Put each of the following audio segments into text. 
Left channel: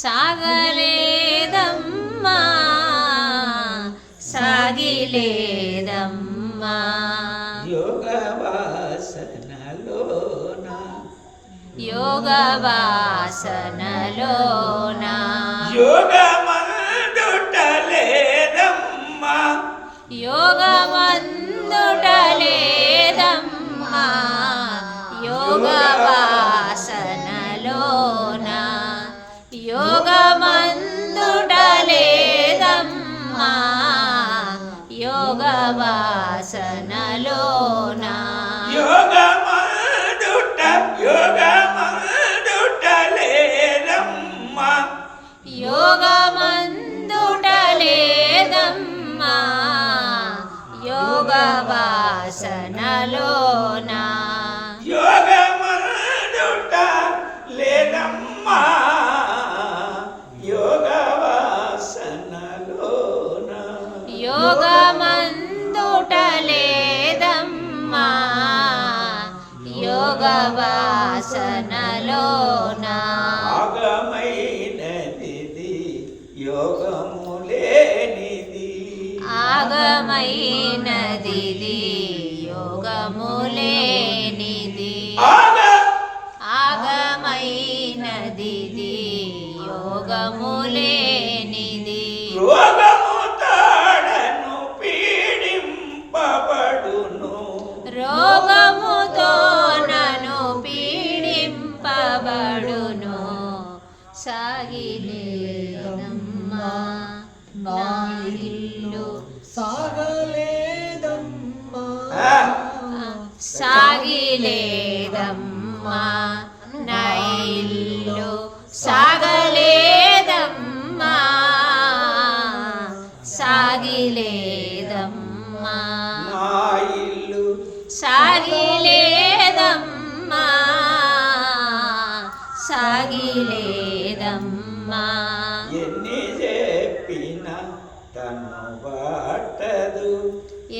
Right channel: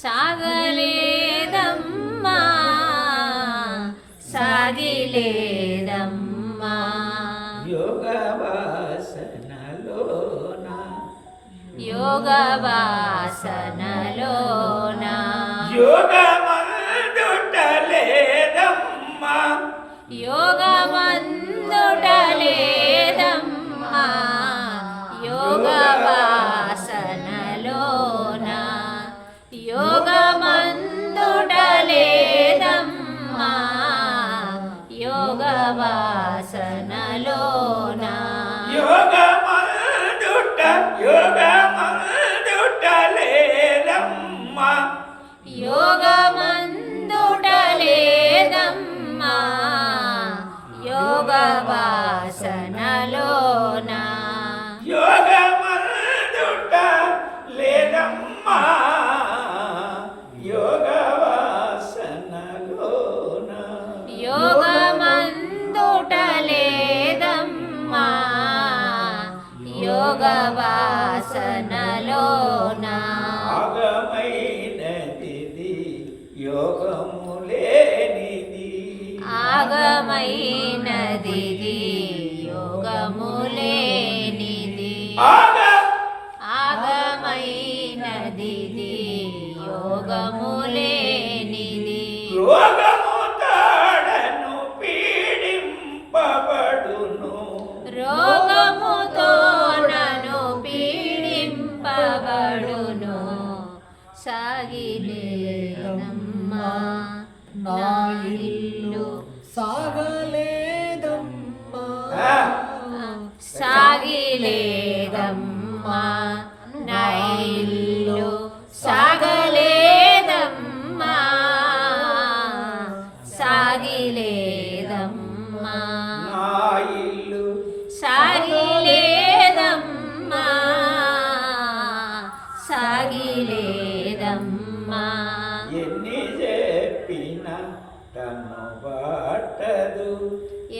సాగలేదమ్మా సాగిలేదమ్మా. యోగ వాసనలోన యోగ వాసనలోన యోగ మందుట లేదమ్మా. యోగమందుట వాసనలోన? యోగ మందుట యోగ మందుట లేదమ్మా. యోగమందుట లేదమ్మా. యోగ వాసనలోన యోగ వాసనలోన ఆగమైనది యోగము లేనిది ఆగమైనది యోగములేనిది ఆగ! ఆగమైనది యోగములేనిది రోగము ఇల్లు సాగలేదమ్మా. సాగిలేదమ్మా. ఇల్లు సాగిలేదమ్మా. సాగిలేదమ్మా. ఎన్ని చెప్పిన తను బాటదు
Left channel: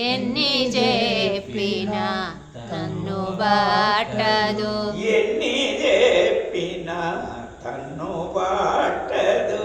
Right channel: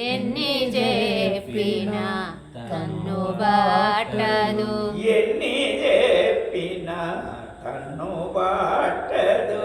ఎన్ని చెప్పినా తన్ను బాటదు ఎన్ని తను బాటదు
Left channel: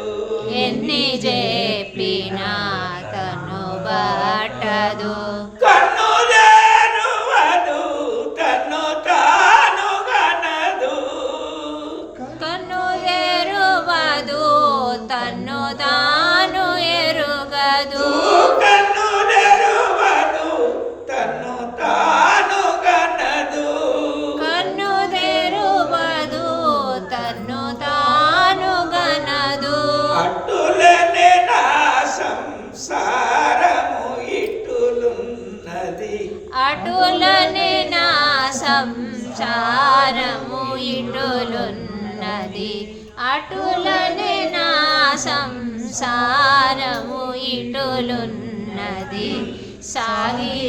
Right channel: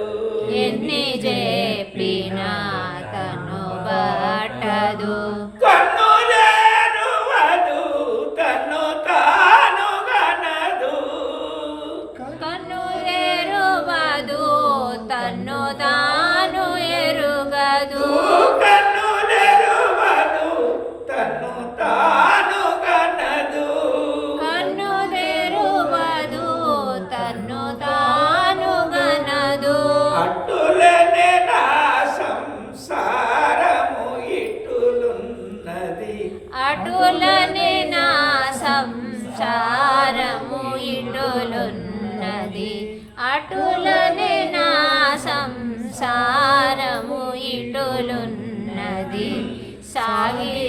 అటులని నా సంసారము ఇటులున్నది అటులని నా సంసారము ఇటులున్నది సాగిలేదమ్మా.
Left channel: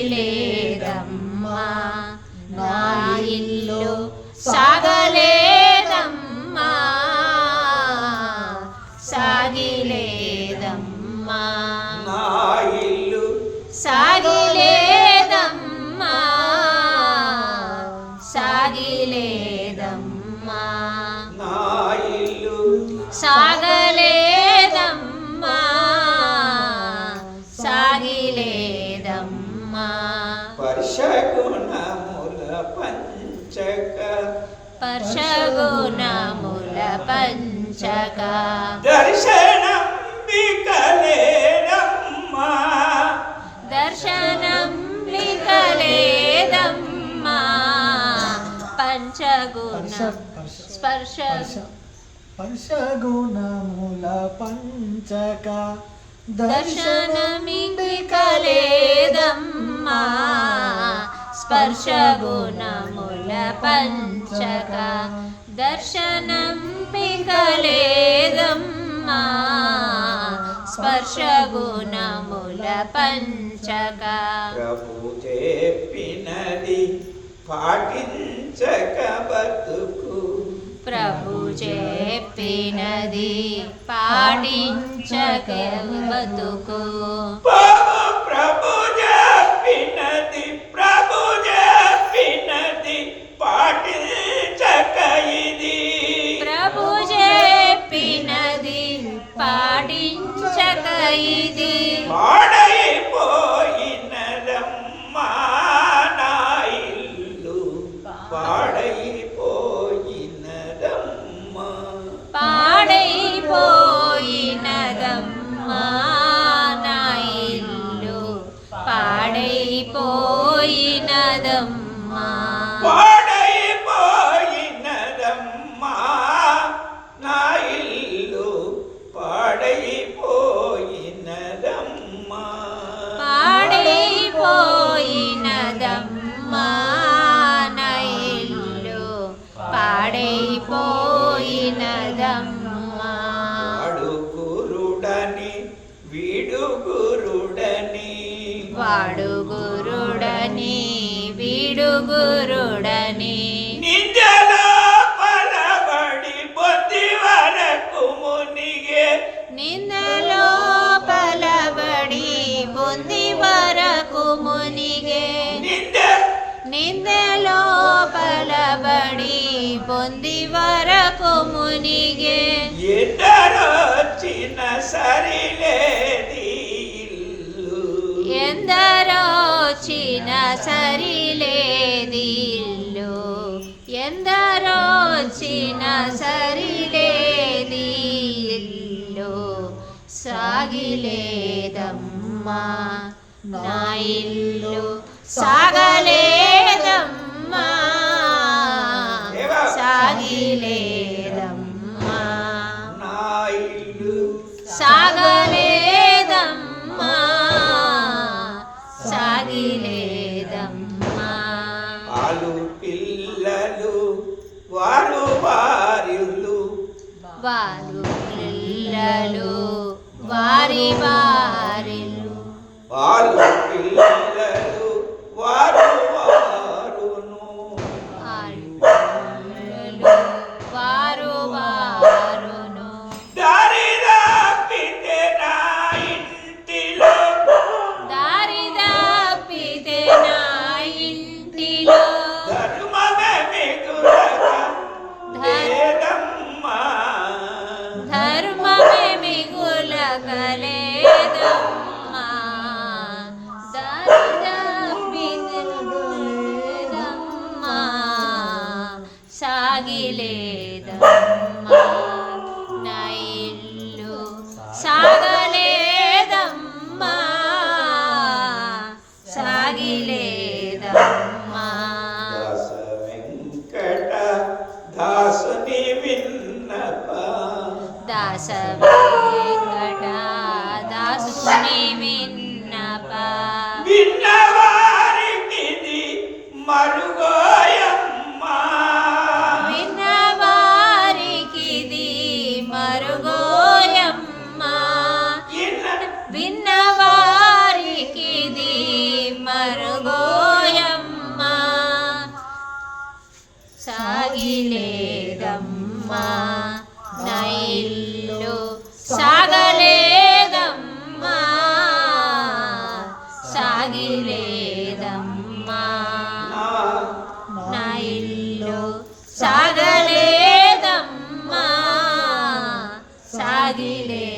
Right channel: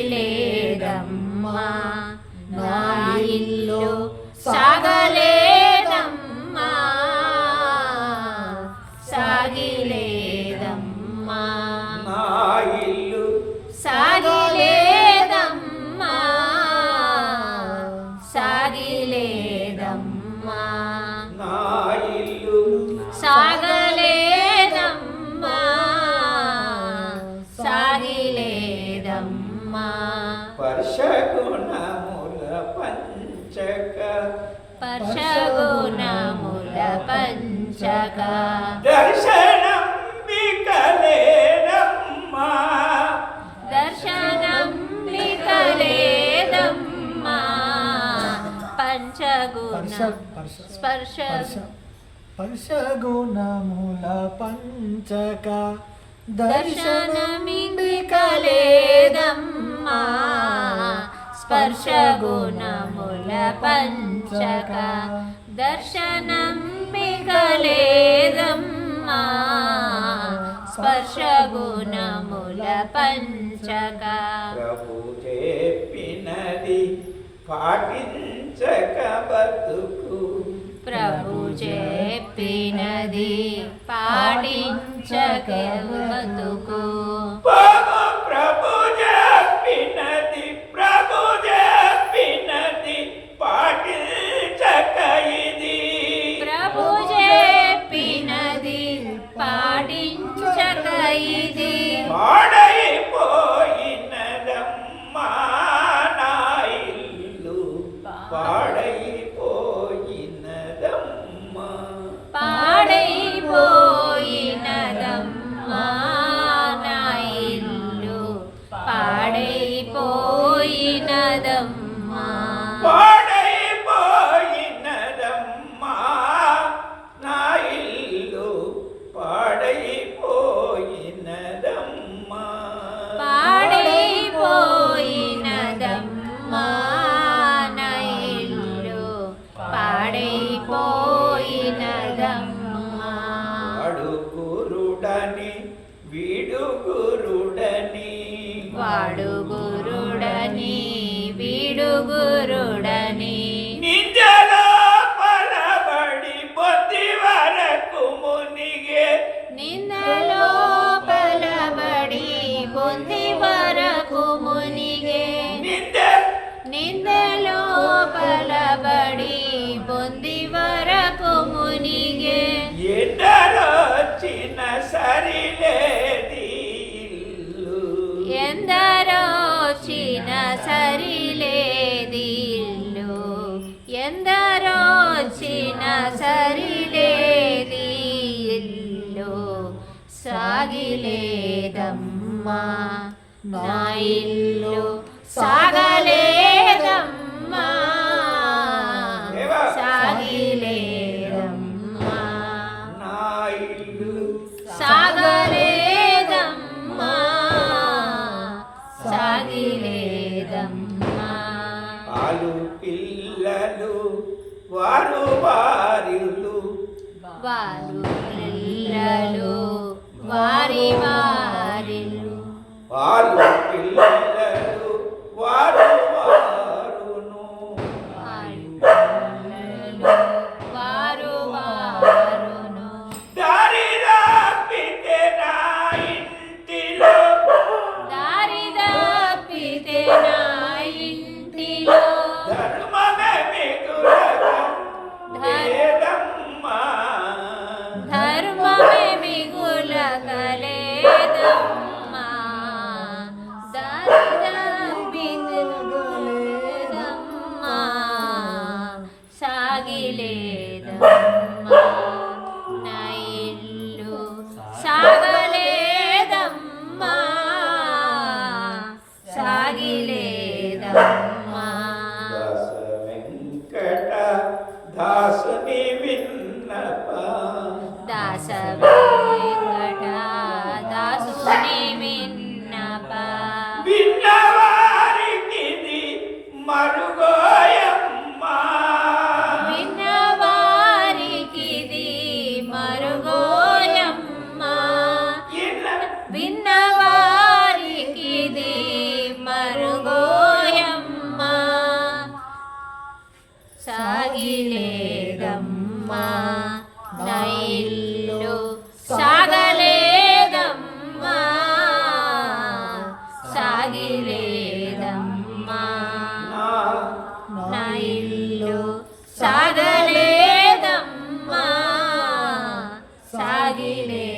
పంచక. పర్షగుణముల పంచక. దర్శనం వికలేనమ్మా దర్శనం వికలేదమ్మా పంచగుణ స్పర్శ స్పర్శగుణముల పంచక. దర్శనమికలేదమ్మా. స్పర్శగుణముల పంచక దర్శనం పికలేదమ్మా స్పర్శగుణముల పంచక ప్రభు చెప్పినది పాటించక బతుకు ప్రభు చెప్పినది పాటించక బతుకు పాడించక పాడైపో ಗುರುಡನೆ ನಿಂಜಲ ಬಡಿ ಬುದ್ಧಿ ವರಕು ಮುನಿಗೆ ನಿನ್ನಲೋ ಫಲ ಬಡಿ ಬುದ್ಧಿ ವರಕು ಮುನಿಗೆ ನಿಂದಲೋ ಫಲ ಬಡಿ ಬುದ್ಧಿ ವರಕು ಮುನಿಗೆ ಎಂದರೊಚ್ಚಿನ ಸರಿಲೇದಿ ಎಂದರೋ సరిలేదిల్లు. ఎందరో చిన్న సరిలేదిల్లు. సాగిలేదమ్మా నా ఇల్లు సాగలే వారు పిల్లలు వారి వారిలు పాలు పిల్లలు. సాగిలేదమ్మా నా ఇల్లు సాగలేదమ్మా సాగిలేదమ్మా. பாடுகோ సాగలేదమ్మా. సాగిలే